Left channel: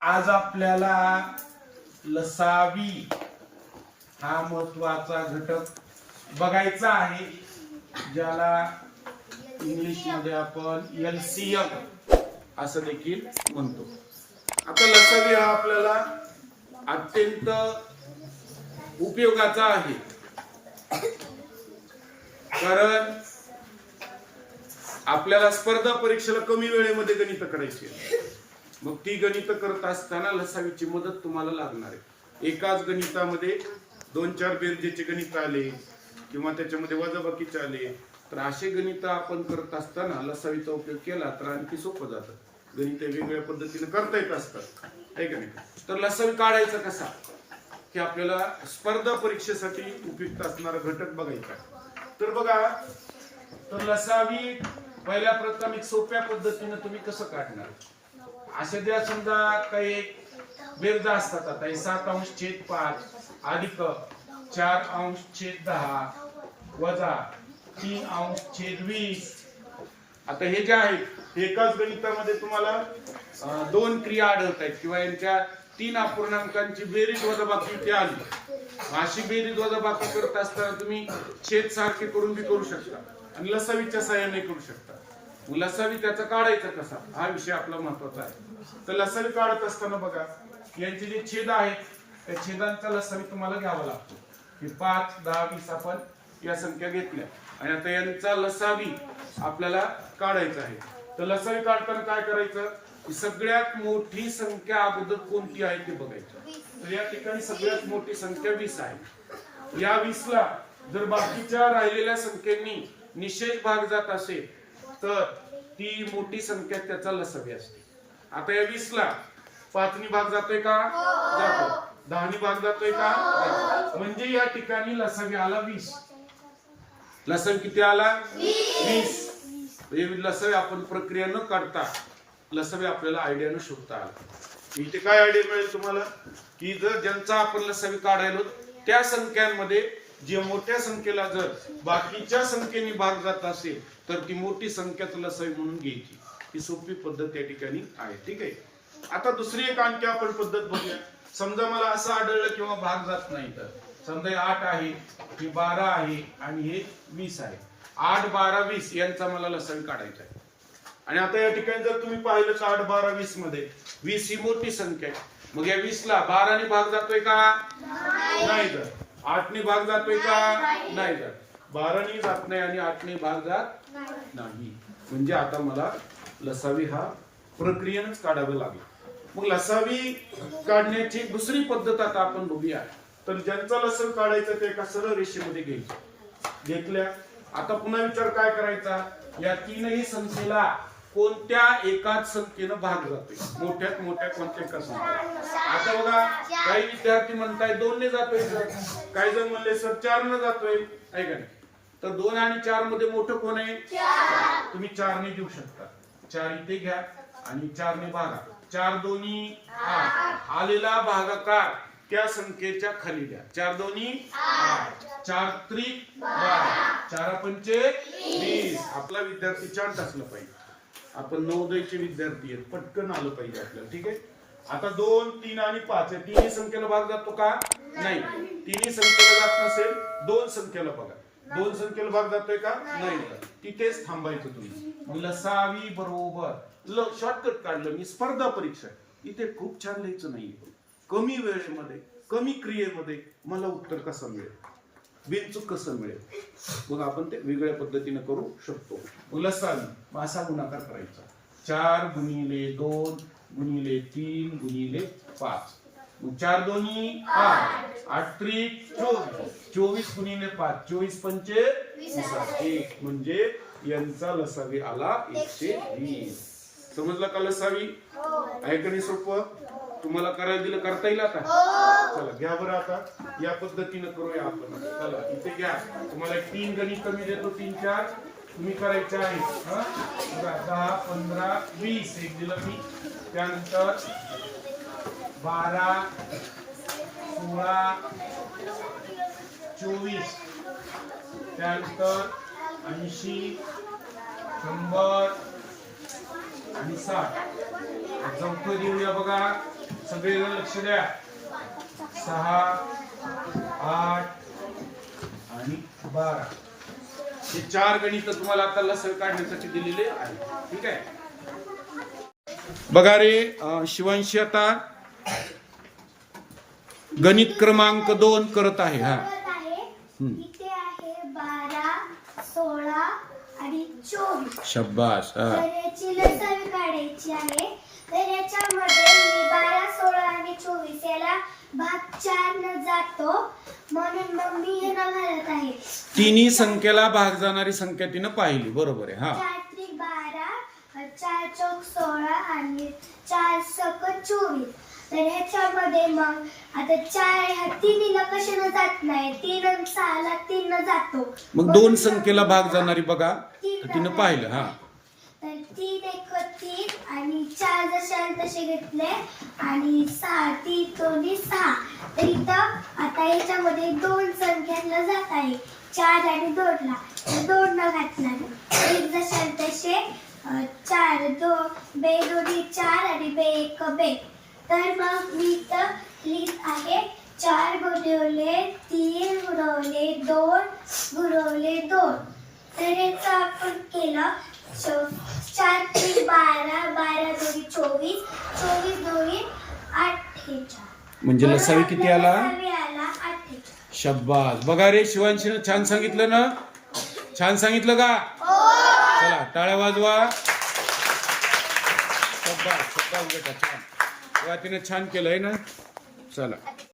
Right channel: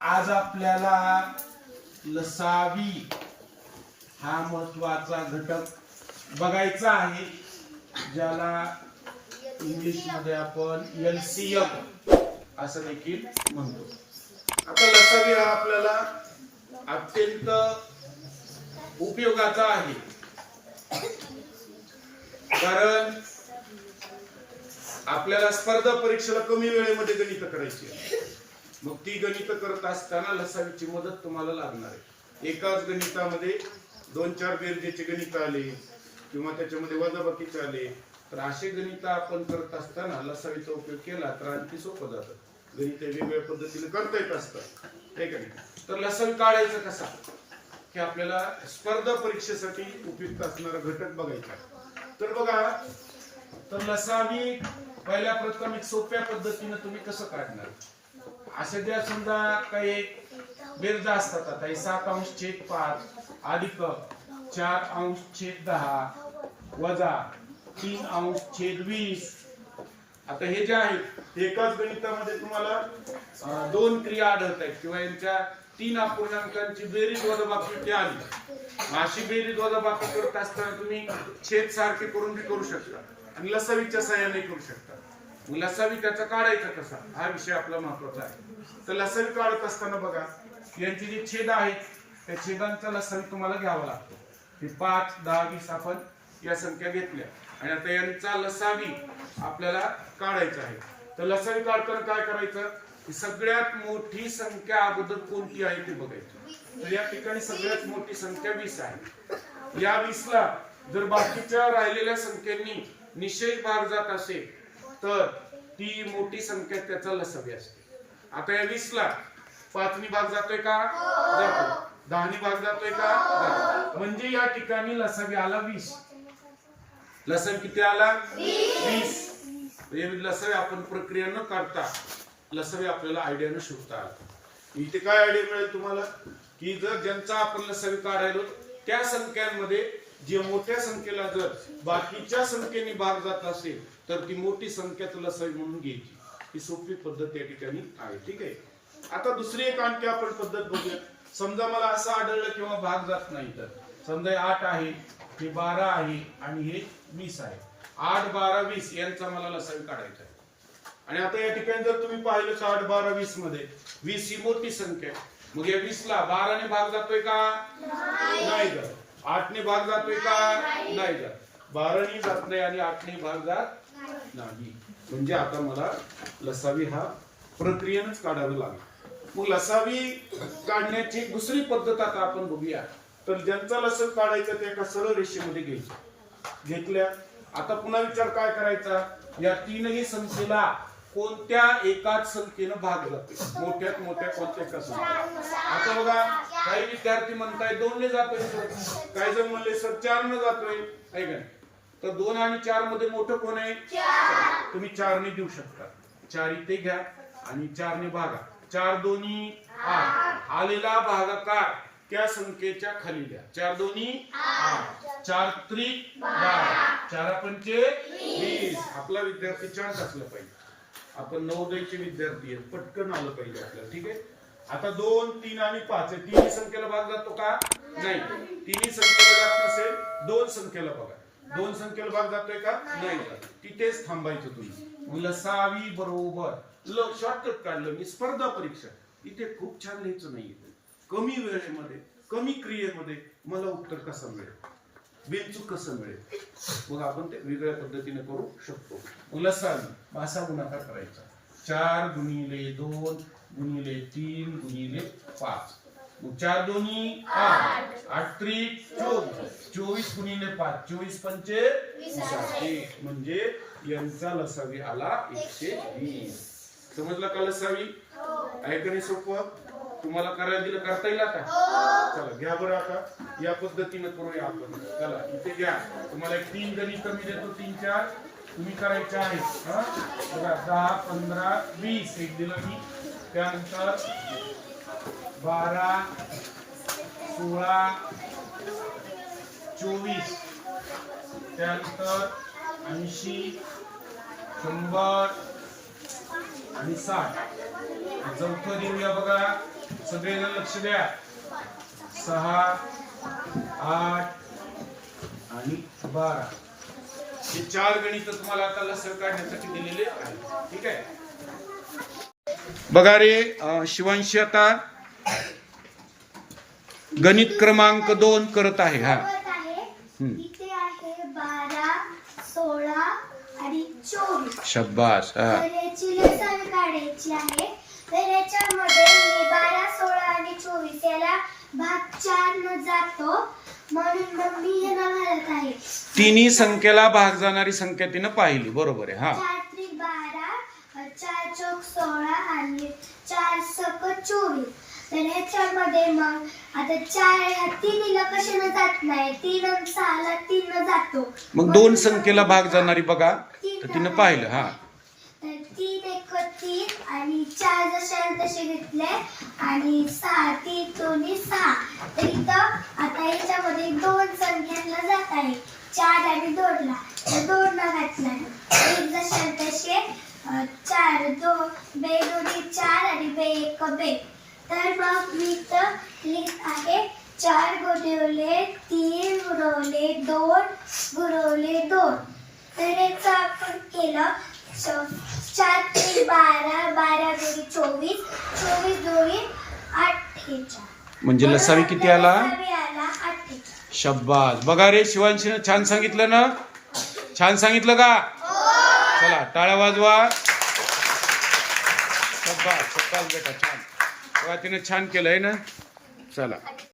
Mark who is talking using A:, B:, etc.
A: आज आपल्याला लसावी हा महत्त्वाचा घटक बघायचा आहे ज्याला इंग्लिशमध्ये आपण एलसीएम असं देखील म्हणतो आता लसावी हा आपल्याला अत्यंत उपयोगाचा आहे कारण आपल्याला स्पर्धा परीक्षेला कमी वेळेमध्ये गणित करायची आहे. मग ती गणित करत असताना लसावीची मदत तुम्हाला लागणार आहे. एकाच गणितामध्ये दोन चार बेरजेचे गणित आले किंवा त्याच्यामध्ये वजाबाकीचे आले तर असे गणित आपण करत असताना लसावीचा उपयोग केला तर आणखी सोपं जातं. गणित वेगवेगळ्या पद्धतीने करता येत असतात. आहे का नाही? तर लसावी काढायचं कसा? की आपल्याला स्पर्धा परीक्षेसाठी उपयुक्त असणारा घटक बघायचा तर बघा तर लसावी पहिल्या प्रथम एक सोप्या पद्धतीने तुम्ही कसं काढणार? असं ज्या समजा काही बेरजा असतात आता हे सात अंश छेद पाच अधिक चार अंश छेद दहा वजा तीन अंश छेद वीस. आता हे जे आहेत एकाच गणितामध्ये तुम्हाला दोन क्रिया आढळत आहेत. किंवा यांच्या तीन अपूर्णांकांची बेरीज वजाबाकी ते आली. अशी बेरीज वजाबाकी करत असताना तुम्ही छेद सारखे करून बी करू शकता. आणि लसावीच्या सहाय्याने करू शकता. मग लसावी त्याचा काढायचा कसा? हा विषय आपला महत्त्वाचा आहे. तर लसावी काढत असताना बघा यांचे जे छेद आहेत त्या छेदांचा लसावी तुम्हाला घ्यावा लागतो. हे पाच दहा वीस आपण या संख्या घेतल्या. आणि आता यांचा लसावी आपल्याला काढायचा आहे. तर लसावी काढताना काय करायचं? की सगळ्यात मोठी संख्या अगोदर कोणती आहे ते बघायचं. तर या ठिकाणी सगळ्यात मोठी संख्या वीस आहे. या वीसला जर बाकीच्या राहिलेल्या संख्येनी निषेध भाग जात असेल तर ती मोठी संख्या त्याचा लसवी असते. आता या वीसला पाचवी भाग जातोय का? जातो. दहावी भाग जातोय का? म्हणजे या ठिकाणी लसावी आला वीस. लसण किती आला? वीस. हे आपण प्रक्रिया न काढता. लसवे आपल्याला आयडियानं शोधता आला. इथे काय आयडिया मिळेल तुम्हाला? की जर ज्यांचा आपण लसावी काढायलो त्या संख्यांमध्ये जे मोठ्या संख्येला जर बाकीच्या संख्येने भाग जात असेल तर ती मोठी संख्या तुला लसावी म्हणून घ्यायची. ही सोपी पद्धत या ठिकाणी आहे ठीक आहे? आता दुसरी एक आणखी आपण पद्धत बघूया. समजा मला असं आढळलं किंवा भाग जात नाही तर. समजा आठ आहे हे बारा आहे आणि हे वीस आहे. आठ बारा वीस यांचा मला लसावी काढायचा आहे. आणि आता या ठिकाणी जर तुम्ही पाहिलं तर आठ बारा वीसमध्ये वीस ही मोठी संख्या आहे. मग या वीस ला बाराने भाग जातोय का? नाही तर. आठने भाग जातोय का? नाही जात. बाराने जात नाही आणि आठने भाग जात नाही. म्हणजे आता मला लसावी हा प्रक्रियेनच काढावं लागेल. मग लसावी काढण्याची दुसरी पद्धत आता आपण बघूया. तर ज्यांचा लसण काढायचा ते एका सरळ रेषेमध्ये घ्यायचे. घेतल्या. आता पुन्हा विचार काय करायचा? या तीनही संख्येला कोणत्या एकाच संख्येनं भाग जाते? मोठ्यात मोठ्या कोणत्या एका संख्या आता बघा काही विद्यार्थी म्हणताय दोनने जातोय सर. काही जण म्हणले सर चार न जातोय. ऐका का नाही? तर दोन आणि चारमध्ये मोठं कोण आहे? तुम्ही चारने देऊ शकता. चार इथे घ्या आणि चार ने भागा. चार दोन्ही आठ. आलेला भागाकार त्या संख्येच्या खाली द्या. चार दोन्ही आठ. चार त्रिक बारा. चार पंचे वीस. आपला विद्यार्थी चार असलं पाहिजे. आपण नवोदयचे विद्यार्थी आहेत पटकन आलं पाहिजे आपल्याला ठीक आहे? आता दोन तीन आणि पाच आहे. तिन्ही संख्येला भाग जातो का? नाही. तिन्ही संख्येला जात नसेल दोन संख्येला बघा. दोन संख्येला भाग जातोय का? नाही. तिथेच थांबायचं तुम्ही. लसावी बरोबर. शॉर्टकट काढलं मी स्पर्धा परीक्षा. इथे खूप छान लिहायचं नाही कमी वेळेमध्ये कमी क्रियेमध्ये मला उत्तर कसं मिळेल? बिनचूक कसं मिळेल? मग आपण ते वेगळ्या पद्धतीने करू शकतो. मग लसावी असा गुणाकार करायचा. चार गुणिले दोन गुणिले तीन गुणिले पाच. चार दोन्ही आठ. आठ त्रिक चोवीस. चोवीस गुणिले पाच. चोवीस पंचे एक म्हणजे यांचा लसावी आला एकशे वीस. समजला का लसावी? ऐकणे सोपं? तुम्हाला करायला दिलं करता येईल आता? चला घ्या बरं आता. या पद्धतीने करूया आपण. चला इथे घ्या. तुम्हाला एक तीन गणित मी देतो तीन चार. तुम्ही करायचे आहेत हं? बघा दहा पंधरा वीस. एक दिलं मी. त्यानंतर बारा सोळा चोवीस. त्यानंतर ऐंशी शंभर आणि साठ. चौथं देऊया बघा. सगळेजण लक्ष द्या. सहा आठ आणि? बारा. हे चार गणित तुम्हाला आता लसण काढण्यासाठी दिलेले आहे. ठीक आहे? बघा रे शिवांशी आता गणित क्रमांक दोन करत आहे हा. शब्बास हा.
B: तर याच्यामध्ये मी बारा सोळा आणि चोवीस याला भाग चार न जातो. म्हणून मग मी हे न घालत आहे.
A: तिन्ही संख्येला भाग जाणारी संख्या तिनं पाहिली. बरोबर आहे हा.
B: चार त्रिक बारा चार चौक सोळा आणि चार सक चोवीस. तर ह्याच्यामध्ये मग आता चार ह्या तिन्हीला कशानं जात नाही? तीन आणि सहाला तीन न जातो.
A: मग दोन संख्येला भाग जाणारी बघा. तर तिनं पाहिलं हा.
B: तर तीन एक चार जसे तसे घेतले. आणि सहा तीन दोन्ही सहा. तर इथं आता याच्यामध्ये दोन संख्यांना जात आहे. चार आणि दोनला. तर दोन घातला एक जसे तसे चार दो बे दोन्ही चार आणि बे एक बे. तर मग मी इथं लिहित आहे चार गुणवले तीन गुणवले दोन गुणवले दोन. तर याचं आपण केलं. चार ते बारा बारा दोन्ही चोवीस चोवीस दोन्ही अठ्ठेचाळ
A: म्हणजे लसावी किती आला?
B: लसावी आला अठ्ठेचाळ
A: शब्बास. बघा रे शिवांशीनं छान सांगितलं ना? छान सांगितलं का? चला टाळ्या वाजवा. शब्बास शब्बास बेटा छान. बघा तिनं छान केलंय ना? चला.